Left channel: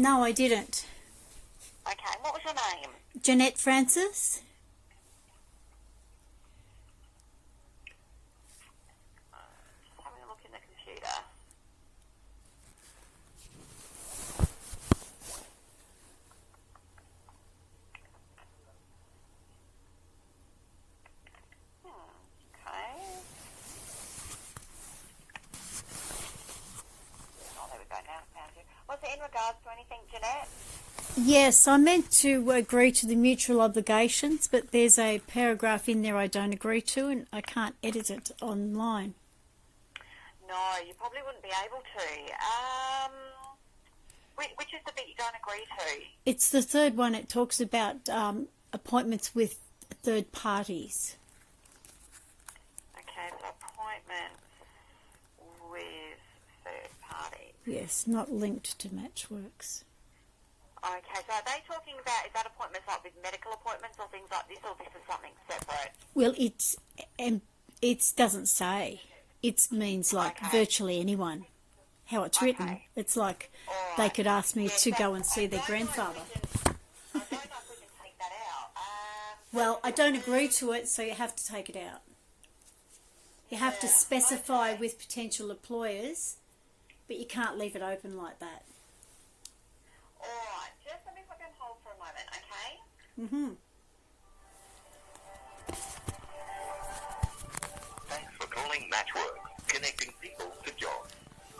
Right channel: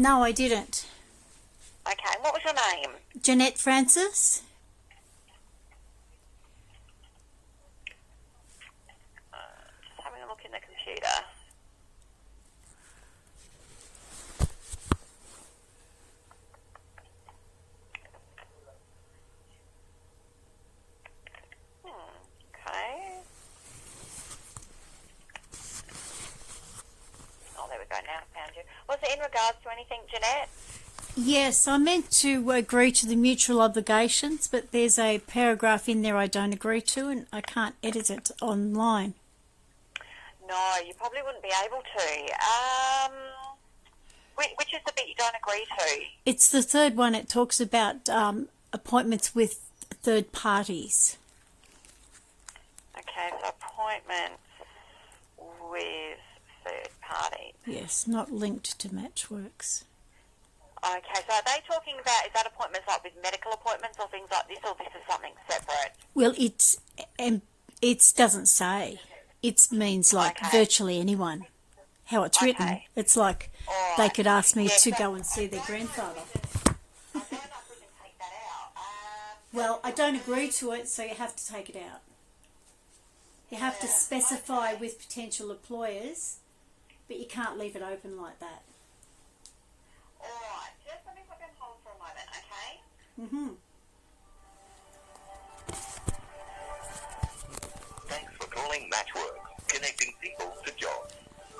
No, I didn't. Okay, what was your name? Jeanette Francis? Just having a look in the computer. Okay. Oh, there we go, now I found you. Was it in regards to anything, Jeanette? Yes, I meant to agree to the mutual obligations, but there's a paragraph in there I don't agree to, and I can't edit it online. No, you probably wouldn't be able to. Which is the bit you don't agree to? It's the third one. It talks about appointments with third parties. Okay, so appointments with third parties. Yes, not linked to Matchworks. Okay, so are they talking about, is that appointments like with medical appointments or things like this, or this is something separate? Well, it doesn't say. It means like virtually anyone. How it's written, it's like they could ask me to go and see their grandfather. I don't know if we can take that out. Well, I don't agree to it, so you have to take it out. You have to specify with potential employers, but you can't leave it open like that. Alright, just let me put you on hold for a moment, okay? Mm-hmm. Thanks for calling Matchworks, connecting people to jobs.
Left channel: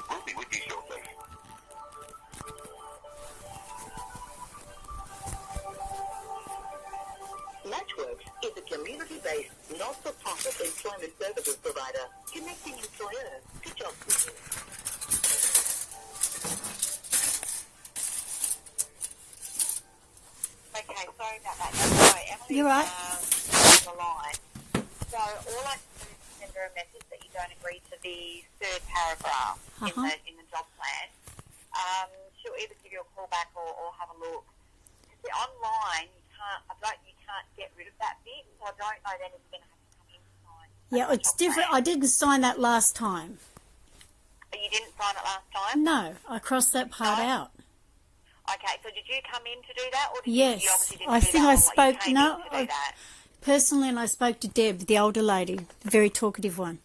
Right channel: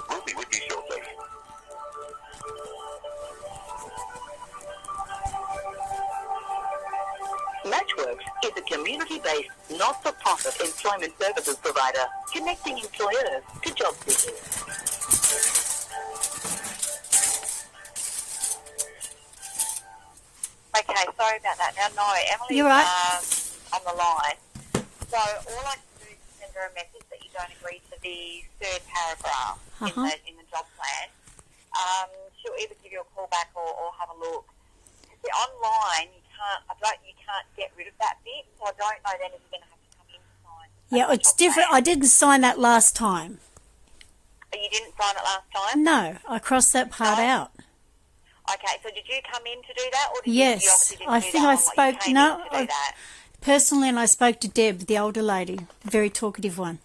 We'll be with you shortly. Matchworks is a community-based, not-for-profit employment services provider connecting employers to job seekers. Okay, sorry about that. Now, sorry, Emily You're right. on the line. So all I can do is send her a message that you don't agree to the third paragraph in the job plan. She'll either give you a call back or have a look. See, online, you can't get rid of that bit, so I don't know then if you're going to have to come in to sign. Yeah, it's different. I didn't sign that last time. You didn't sign it last time? No, I crossed that part out. Okay, so did you come in to do that? Or did Yes, you obviously didn't I do think that I online, you spoke. came No, in to do that? personally, and I spoke to Deb, the older lady, the very talkative one.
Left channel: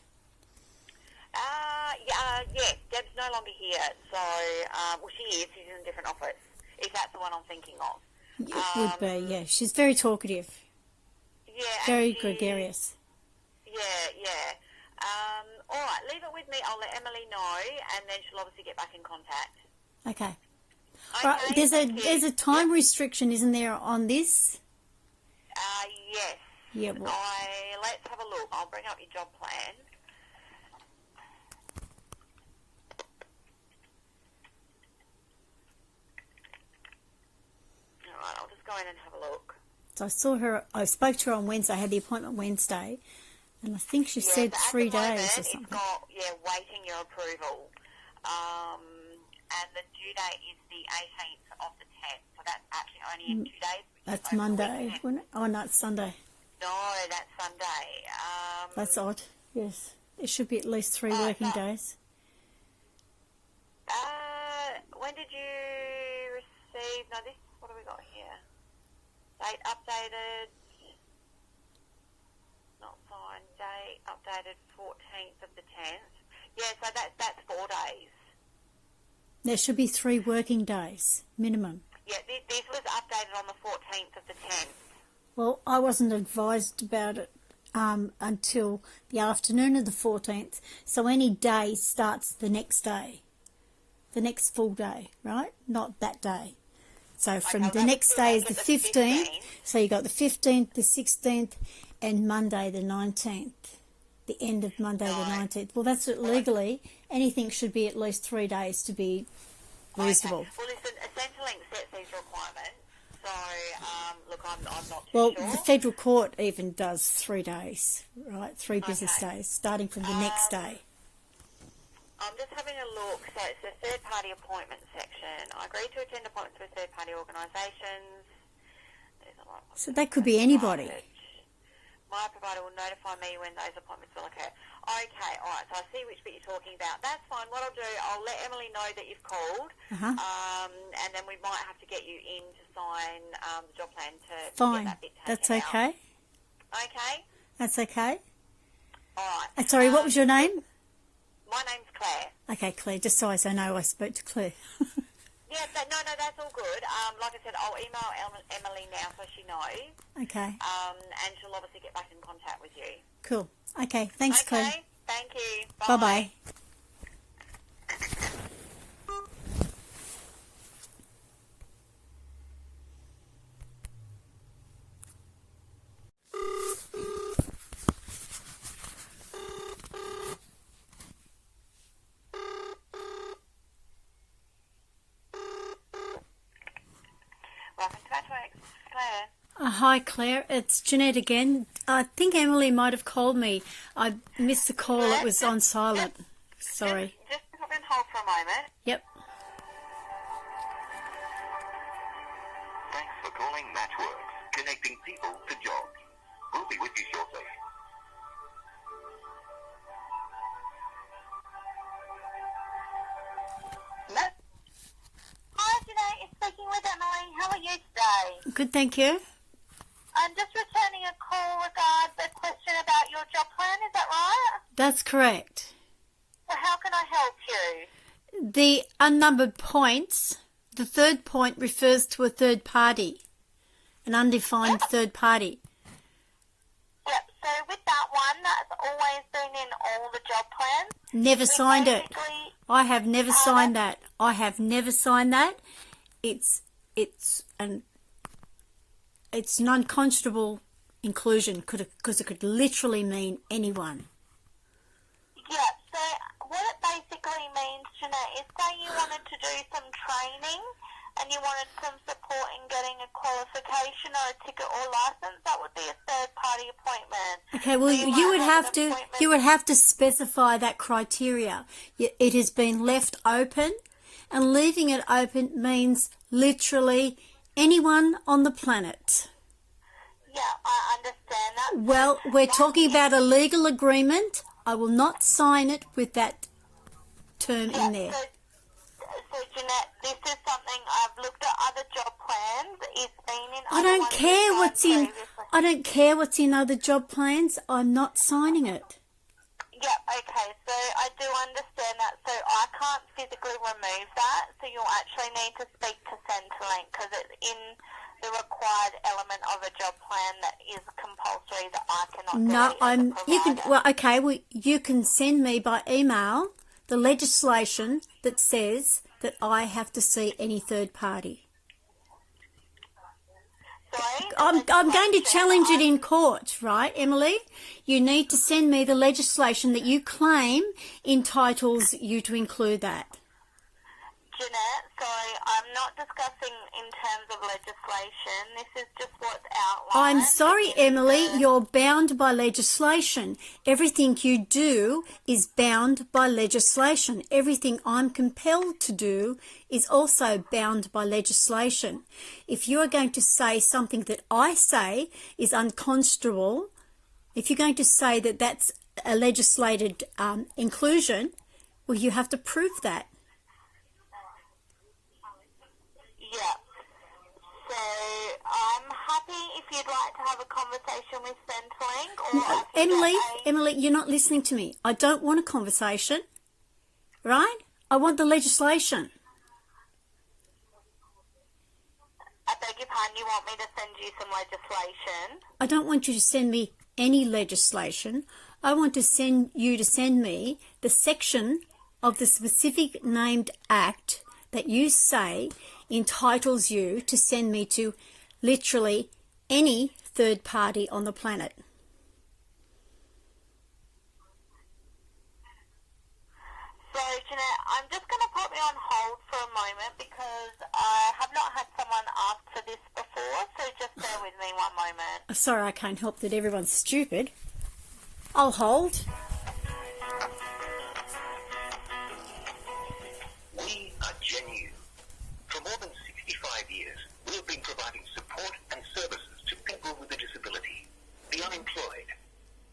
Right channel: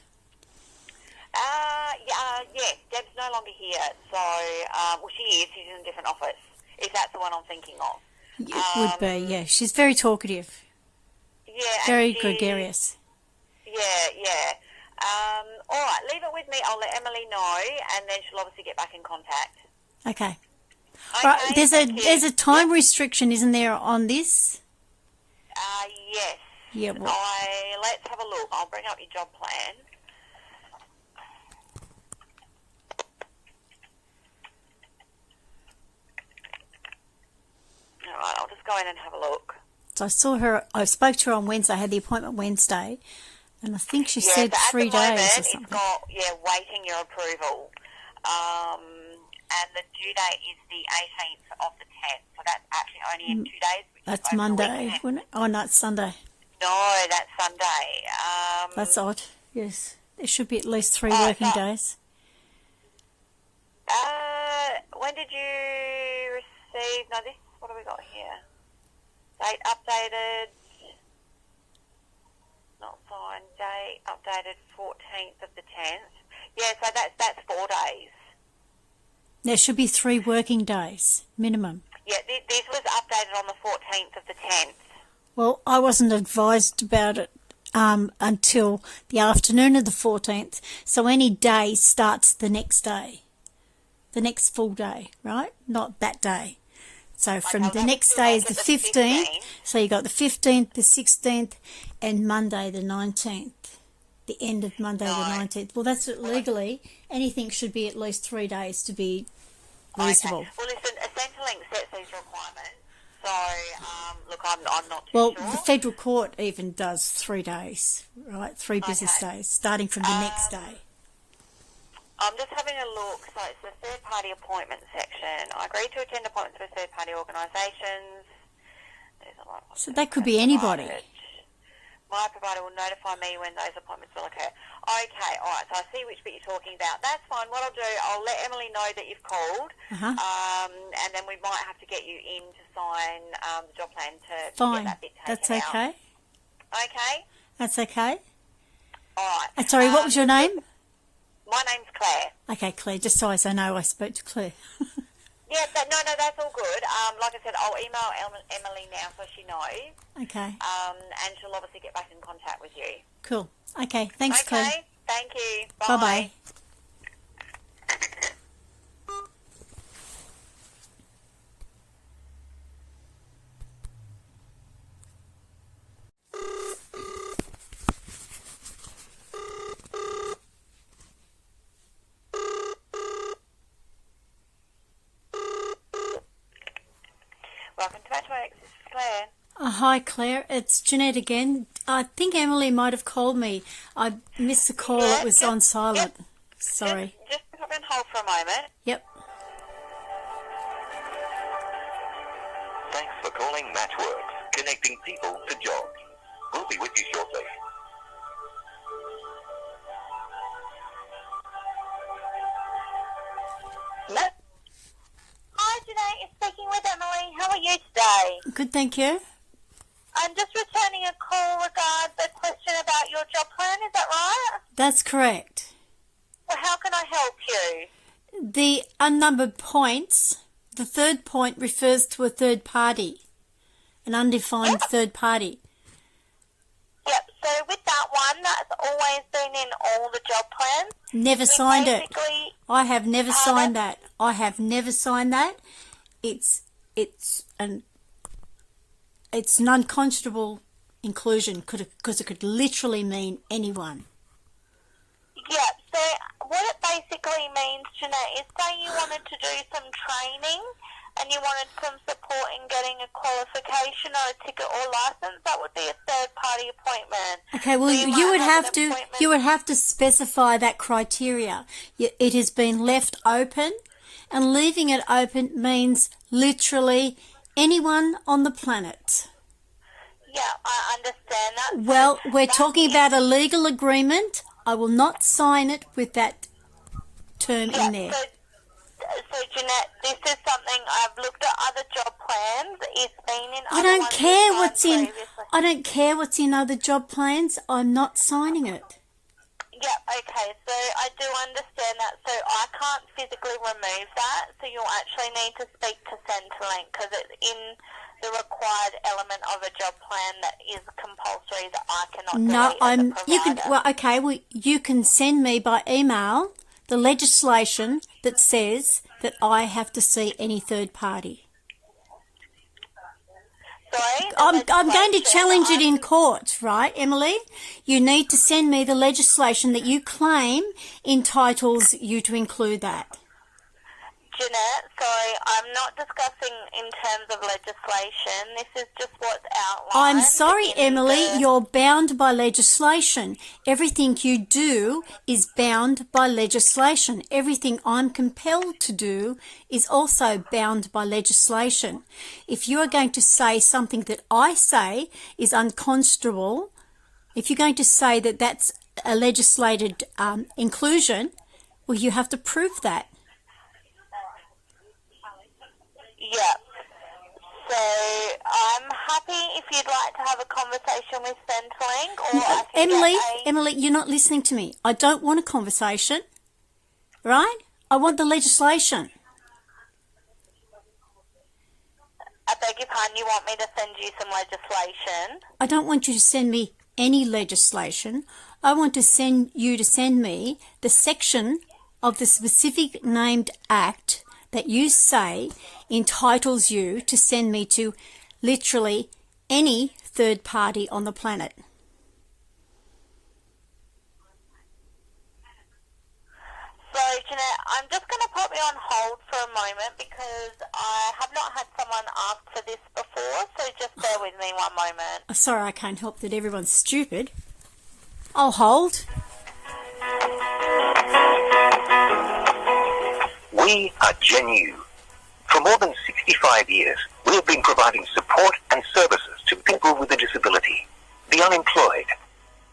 Yes, Deb's no longer here, so, well, she is, she's in a different office, if that's the one I'm thinking of. It would be, yeah. She's very talkative. Yeah. Very gregarious. Yeah. All right, leave it with me. I'll let Emily know, and then she'll obviously get back in contact. Okay. Okay, Right, there's a time restriction, isn't there, on this? Yes. Yeah. Well, Let's have a look. I'll bring up your job plan. All right, I'll just go in and have a look. so I spoke to her on Wednesday. I had the appointment Wednesday, and I think she said so 3 at the moment, days or something. It's got, waiting your approval. And the due date is the 18th of the 10th, so that's actually only in 2 days. That's Monday, wouldn't it? Oh, no, it's Sunday. No, that's Sunday. That's odd. Yes, it should be at least 3 working days. When did you receive? No, this. What have we got here? Date updated. Not signed. Date updated 14th of the 10th. Yeah, so that's 4 days. There should be 3 working days minimum. Yeah, this was updated on the 14th of the 10th. Well, I wasn't advised about it until the afternoon of the 14th. So any day starts the next day, the next full day, right? Not that day. So from the next day is the 15th. So you got the 15th, the 16th, and Monday the 19th. The end of Monday the 19th. Well, that's what legally anything should be at least 3 days to be reasonable. Okay. Well, listen, Centrelink sets these requirements. So, look, I'm not too Well, sure. the federal court even does 3 days, right? 3 business days, starting from the next day. I'm just having a look. So it's the third-party appointment section. I agree to attend appointments with third-party organisations. So that could be anybody. My provider will notify me when those appointments will occur. Okay, all right. Right, so I see which bit you're talking about. That's fine. What I'll do, I'll let Emily know that you've called, and then we might have to get you in to sign the job plan to Fine. get that bit taken That's out. okay. Okay? That's okay. All right. Sorry, what was your name? My name's Claire. Okay, Claire, just so as I know I spoke to Claire. Yeah, no, that's all good. Like I said, I'll email Emily now so she knows. Okay. And she'll obviously get back in contact with you. Cool. Okay, thanks, Okay, Claire. thank you. Bye. Bye-bye. Welcome to Matchworks. This is Claire. Hi, Claire. It's Jeanette again. I think Emily might have called me. I missed the call. Yeah, It was on silent. Sorry. Just put on hold for a moment. Yep. Thanks for calling Matchworks, connecting people to jobs. We'll be with you shortly. Hi, Jeanette. You're speaking with Emily. How are you today? Good, thank you. I'm just returning a call regarding the question about your job plan. Is that right? That's correct. Well, how can I help you? The unnumbered points, the third point refers to a third party, an undefined third party. Yep, so with that one, that's always been in all the job plans. Never signed it. Basically, I have never signed that. I have never signed that. It's an unconscionable inclusion because it could literally mean anyone. yeah, so what it basically means, Jeanette, is say you wanted to do some training and you wanted some support in getting a qualification or a ticket or license, that would be a third-party appointment. Okay, well, So you would might have an to appointment- specify that criteria. It has been left open, and leaving it open means literally anyone on the planet. Yeah, I understand that. Well, we're That talking is- about a legal agreement. I will not sign it with that term in there. So, Jeanette, this is something I've looked at other job plans. It's been in I other don't ones care we've what's done in. previously. I don't care what's in other job plans. I'm not signing it. Yeah, okay, so I do understand that. So I can't physically remove that, so you'll actually need to speak to Centrelink because it's in the required element of a job plan that is compulsory that I cannot No, delete as a you can. provider. Well, okay. Well, you can send me by email the legislation that says that I have to see any third party. Sorry, the I'm going to legislation, challenge it in court, right, Emily? You need to send me the legislation that you claim entitles you to include that. Jeanette, sorry, I'm not discussing in terms of legislation. This is just what's outlined. I'm sorry, in Emily, the- you're bound by legislation. Everything you do is bound by legislation. Everything I'm compelled to do is also bound by legislation. If you are going to say something that I say is unconscionable, if you're going to say that that's a legislated inclusion, well, you have to prove that. Yeah. So I'm happy if you'd like to have a conversation with Centrelink, or I can Emily, you're not listening to me. I don't want a conversation, right? I want the legislation. I beg your pardon, you want me to send you some legislation? I don't want you to send me any legislation. I want to send me the section of the specific named act that you say entitles you to send me to literally any third party on the planet. So, Jeanette, I'm just going to put me on hold for a moment because I have not had someone ask for this before, so just bear with me one moment. Sorry, I can't help that everyone's stupid. I'll hold. We are Genu. For more than 65 years, we have been providing support and services to people with a disability, the unemployed,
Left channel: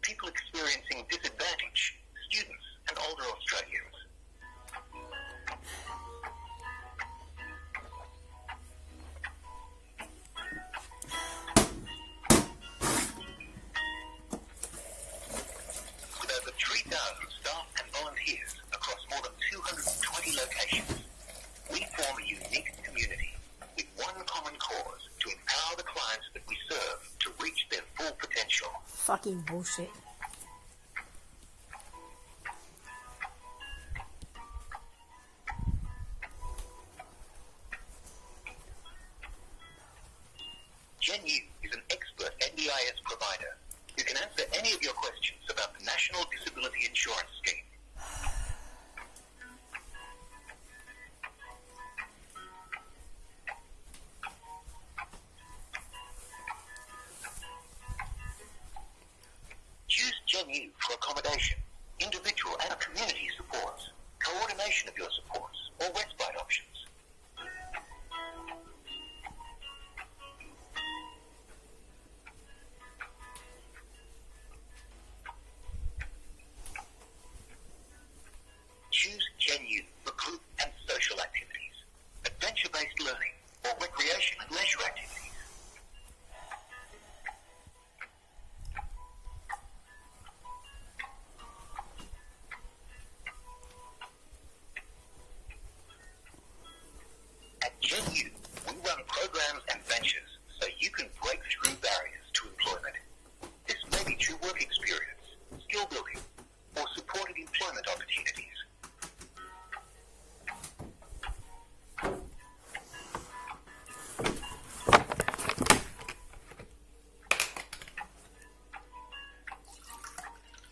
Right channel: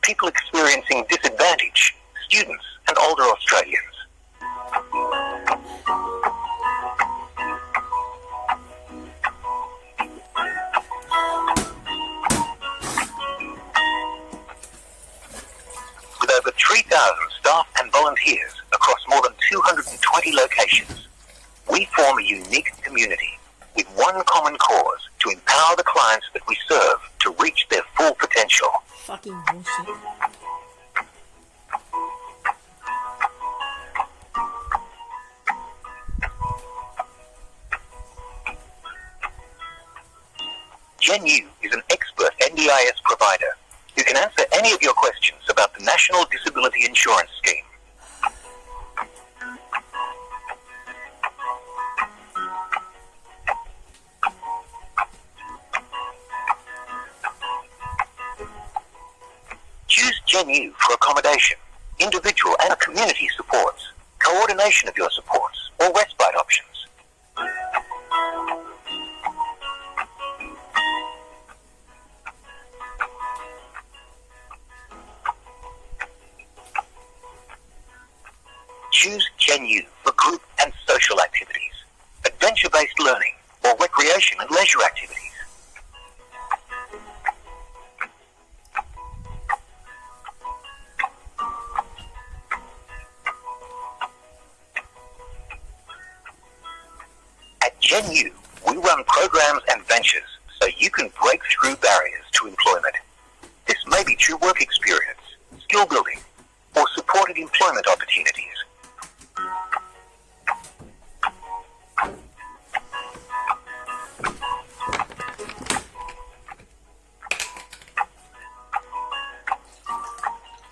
people experiencing disadvantage, students, 3,000 staff and volunteers across more than 220 locations. We form a unique community with one common cause: to empower the clients that we serve to reach their full potential. Fucking bullshit. GenU is an expert NDIS provider who can answer any of your questions about the National Disability Insurance Scheme. Choose GenU for accommodation, individual and community supports, coordination of your supports, or respite options. Choose GenU for group and social activities, adventure-based learning, or recreation and leisure activities. At GenU, we run programs and ventures so you can break through barriers to employment. This may be through work experience, skill building, or supported employment opportunities.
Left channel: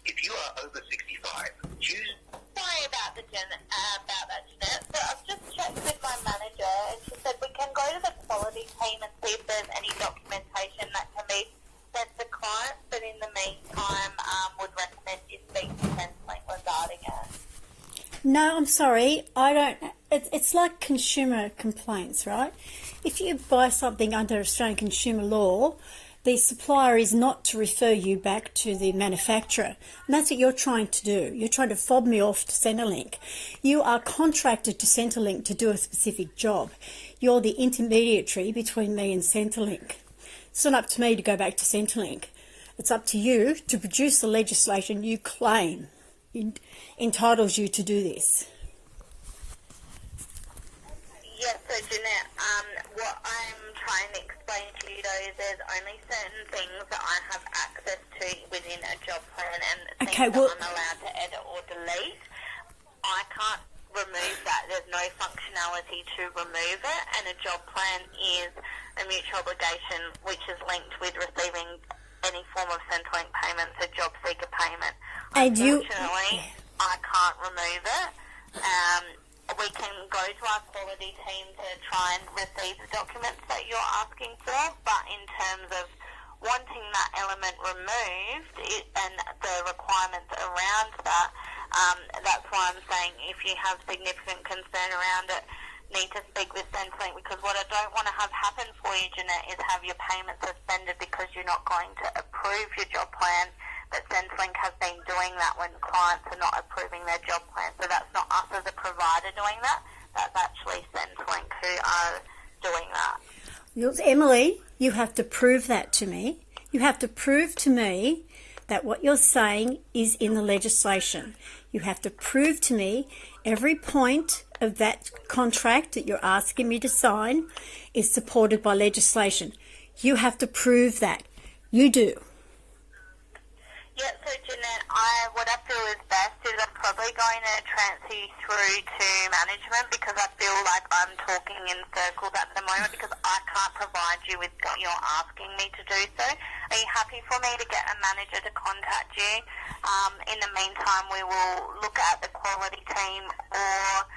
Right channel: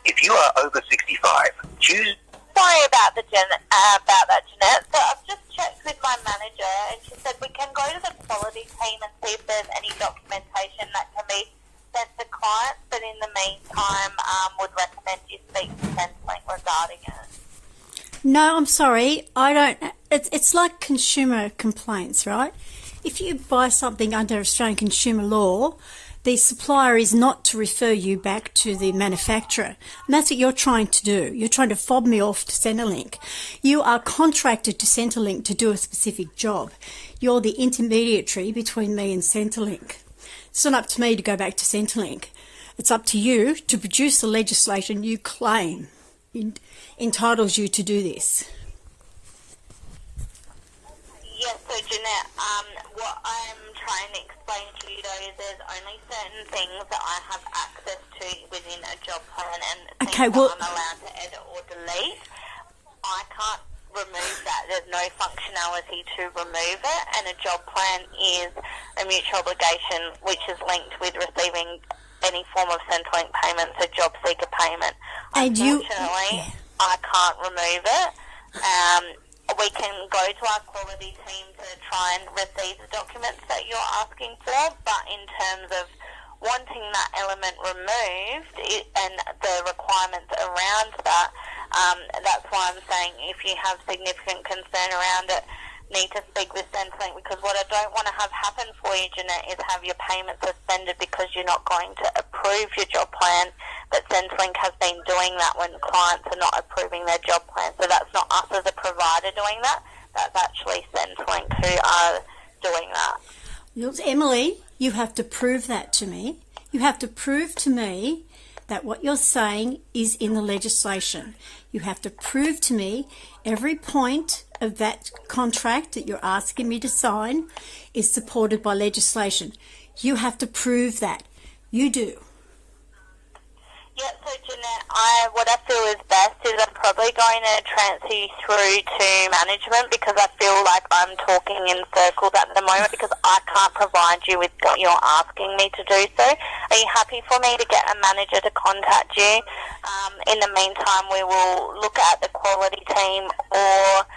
If you are over 65, choose... Sorry about that, Jeanette. So I've just checked with my manager, and she said we can go to the quality team and see if there's any documentation that can be sent to clients, but in the meantime, would recommend you speak to Centrelink regarding it. No, I'm sorry. I don't. It's like consumer complaints, right? If you buy something under Australian consumer law, the supplier is not to refer you back to the manufacturer. And that's what you're trying to do. You're trying to fob me off to Centrelink. You are contracted to Centrelink to do a specific job. You're the intermediary between me and Centrelink. It's not up to me to go back to Centrelink. It's up to you to produce the legislation you claim entitles you to do this. Yes, so Jeanette, what I'm trying to explain to you though is there's only certain things that I have access to within a job plan and things that I'm allowed to edit or delete. I can't remove that. There's no functionality to remove it, and a job plan is a mutual obligation which is linked with receiving any form of Centrelink payment, so job seeker payment. Unfortunately, I can't remove it. We can go to our quality team to try and receive the documents that you're asking for, but in terms of wanting that element removed and the requirements around that, that's why I'm saying if you have significant concern around it, need to speak with Centrelink, because what I don't want to have happen for you, Jeanette, is have your payment suspended because you're not going to approve your job plan. But Centrelink has been doing that when clients are not approving their job plan. So that's not us as a provider doing that. That's actually Centrelink who are doing that. Emily, you have to prove that to me. You have to prove to me that what you're saying is in the legislation. You have to prove to me every point of that contract that you're asking me to sign is supported by legislation. You have to prove that. You do. Yeah, so Jeanette, what I feel is best is I'm probably going to transfer you through to management, because I feel like I'm talking in circles at the moment because I can't provide you with what you're asking me to do so. Are you happy for me to get a manager to contact you? In the meantime, we will look at the quality team, or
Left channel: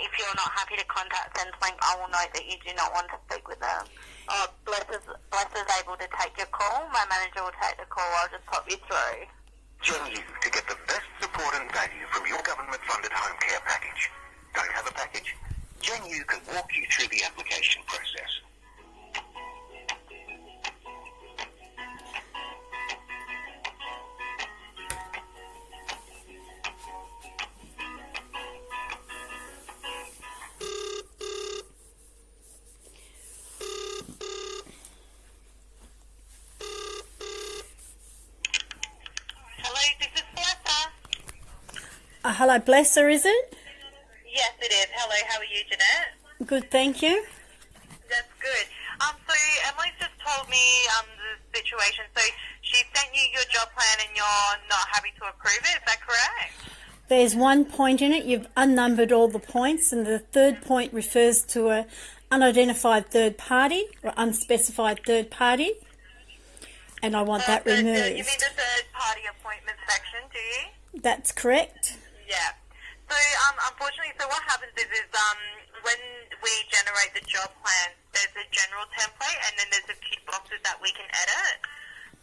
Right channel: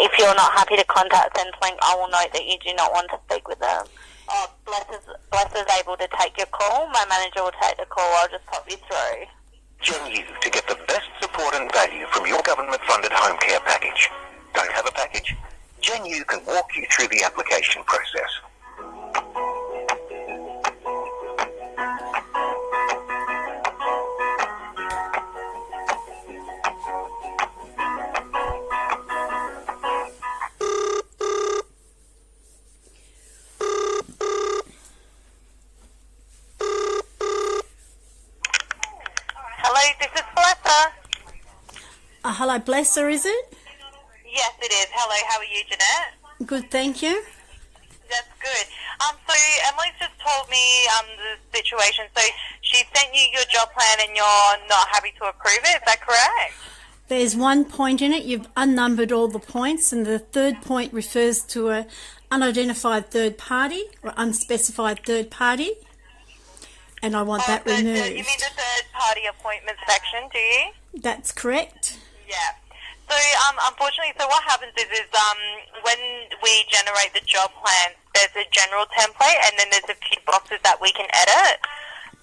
if you're not happy to contact Centrelink, I will note that you do not want to speak with them. Oh, Bless is able to take your call. My manager will take the call. I'll just pop you through. Join you to get the best support and value from your government-funded home care package. Don't have a package? GenU can walk you through the application process. Hello, this is Blessa. Hello, Blesser, is it? Yes, it is. Hello, how are you, Jeanette? Good, thank you. That's good. So Emily's just told me the situation. So she sent you your job plan and you're not happy to approve it. Is that correct? There's one point in it, you've unnumbered all the points, and the third point refers to a unidentified third party or unspecified third party, and I want that removed. You mean the third party appointment section, do you? That's correct. Yeah. So, unfortunately, so what happens is when we generate the job plan, there's a general template and then there's a few boxes that we can edit.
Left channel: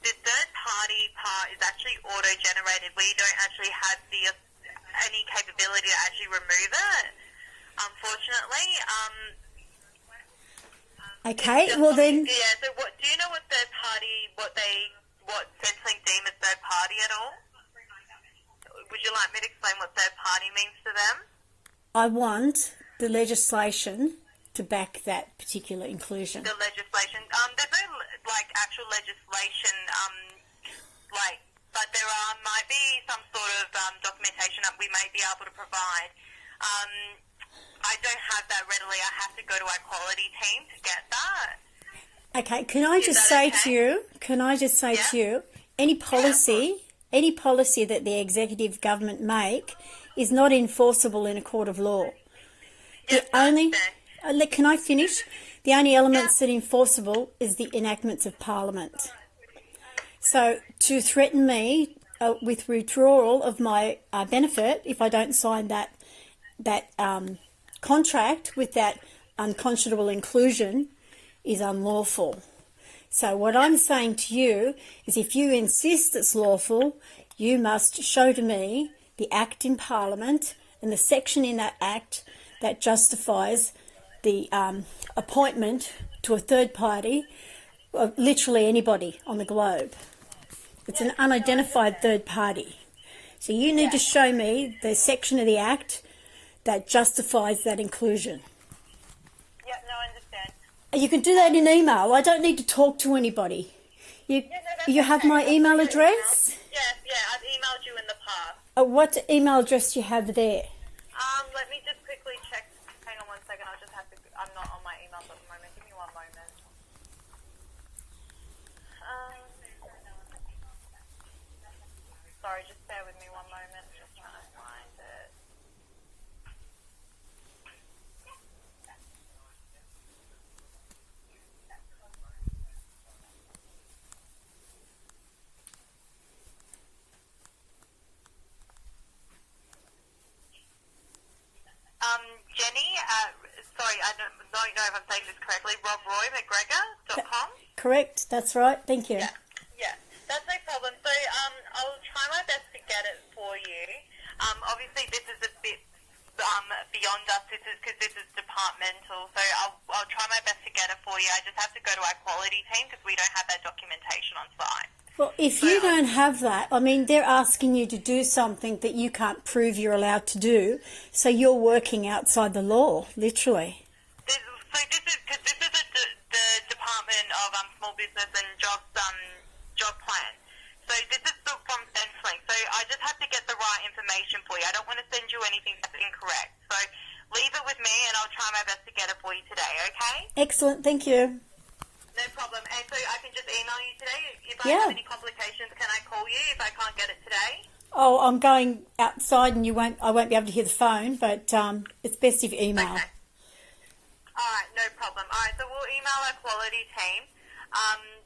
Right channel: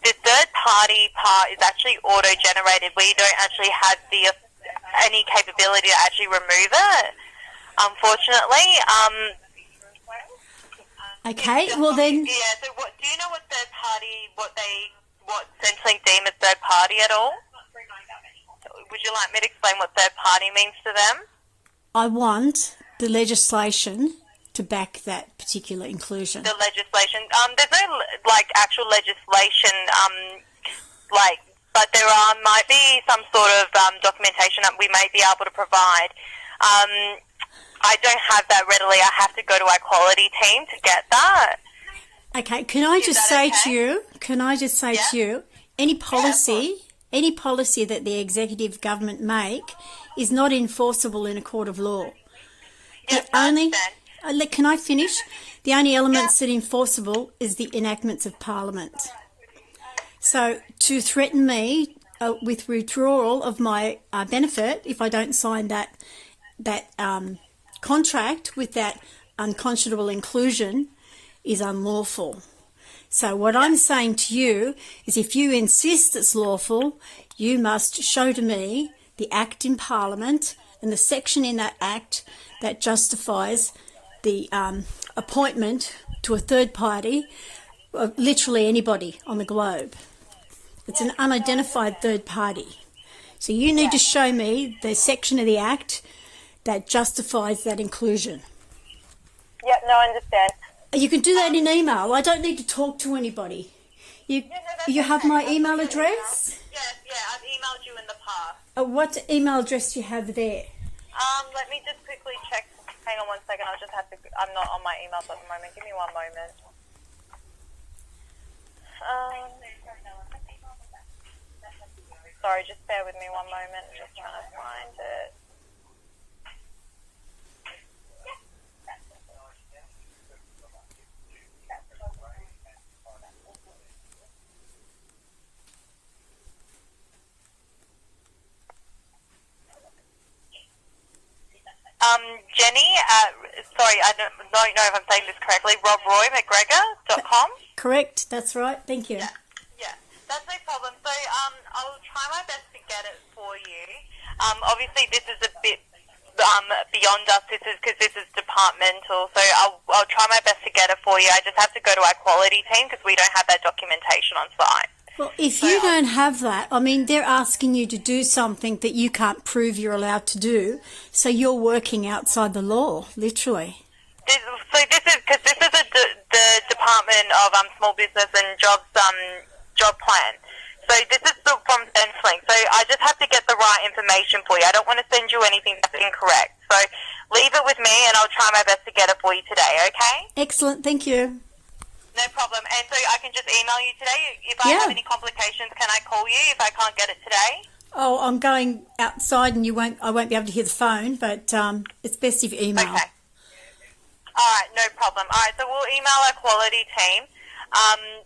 The third party part is actually auto-generated. We don't actually have any capability to actually remove it, unfortunately. Okay, well then... Yeah, so do you know what third party, what Centrelink deem as third party at all? Would you like me to explain what third party means to them? I want the legislation to back that particular inclusion. The legislation. There's no actual legislation. But there might be some sort of documentation that we may be able to provide. I don't have that readily. I have to go to our quality team to get that. Okay, can I just say to you? Any policy that the executive government make is not enforceable in a court of law. Yes, Can I finish? The only elements that are enforceable is the enactments of Parliament. So to threaten me with withdrawal of my benefit if I don't sign that contract with that unconscionable inclusion is unlawful. So what I'm saying to you is if you insist it's lawful, you must show to me the act in Parliament and the section in that act that justifies the appointment to a third party of literally anybody on the globe. It's an unidentified third party. So you need to show me the section of the act that justifies that inclusion. Yeah, no, I understand. You can do that in email. I don't need to talk to anybody. You have my email address? Yes, I've emailed you in the past. What email address do you have there? Let me just quickly check. Hang on 1 second. I'll just have to. I'm not on my emails at the moment. Give me 1 moment. Sorry, just bear with me 1 moment. Just trying to find it. Jenny, sorry, I don't know if I'm saying this correctly, robroymcgregor.com? Correct, that's right, thank you. Yeah, that's no problem. So I'll try my best to get it for you. Obviously, this is a bit beyond us, because this is departmental, so I'll try my best to get it for you. I just have to go to our quality team because we don't have that documentation on site. Well, if you don't have that, I mean, they're asking you to do something that you can't prove you're allowed to do, so you're working outside the law, literally. This is the Department of Small Business and Jobs job plan. So this is from Centrelink. So I just have to get the right information for you. I don't want to send you anything that's incorrect. So leave it with me, and I'll try my best to get it for you today. Okay? Excellent, thank you. No problem. And so I can just email you today. If I have any complications, can I call you if I can't get it today? Oh, I'm going outside and I won't be able to hear the phone, but it's best if you email. Okay. All right, no problem. All right, so we'll email our quality team.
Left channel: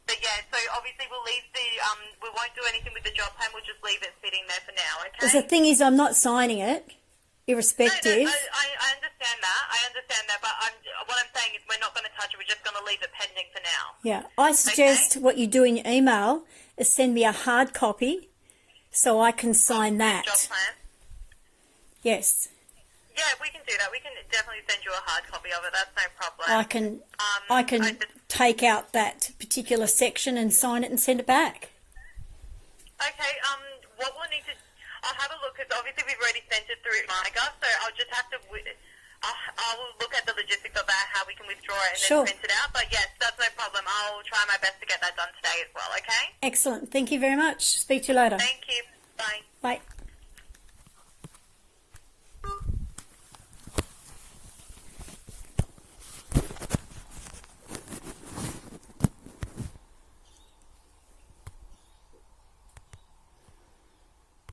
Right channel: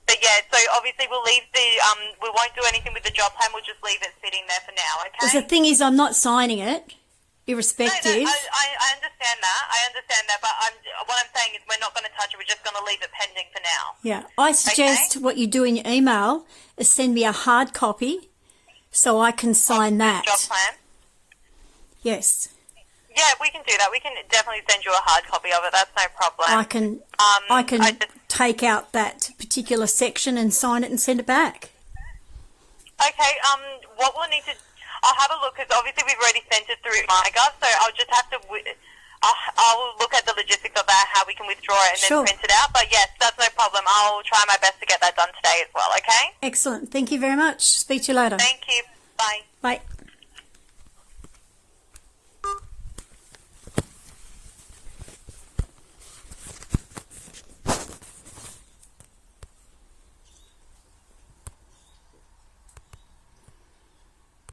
But yeah, so obviously we'll leave we won't do anything with the job plan. We'll just leave it sitting there for now, okay? Because the thing is, I'm not signing it, irrespective. No, I understand that. But what I'm saying is we're not going to touch it. We're just going to leave it pending for now. Yeah, I suggest what you do in your email is send me a hard copy so I can sign that. Job plan? Yes. Yeah, we can do that. We can definitely send you a hard copy of it. That's no problem. I can take out that particular section and sign it and send it back. Okay, what we'll need to... I'll have a look, because obviously we've already sent it through MyGov, so I'll just have to... I'll look at the logistics of that, how we can withdraw it and then print it out. But yes, that's no problem. I'll try my best to get that done today as well, okay? Excellent. Thank you very much. Speak to you later. Thank you. Bye. Bye.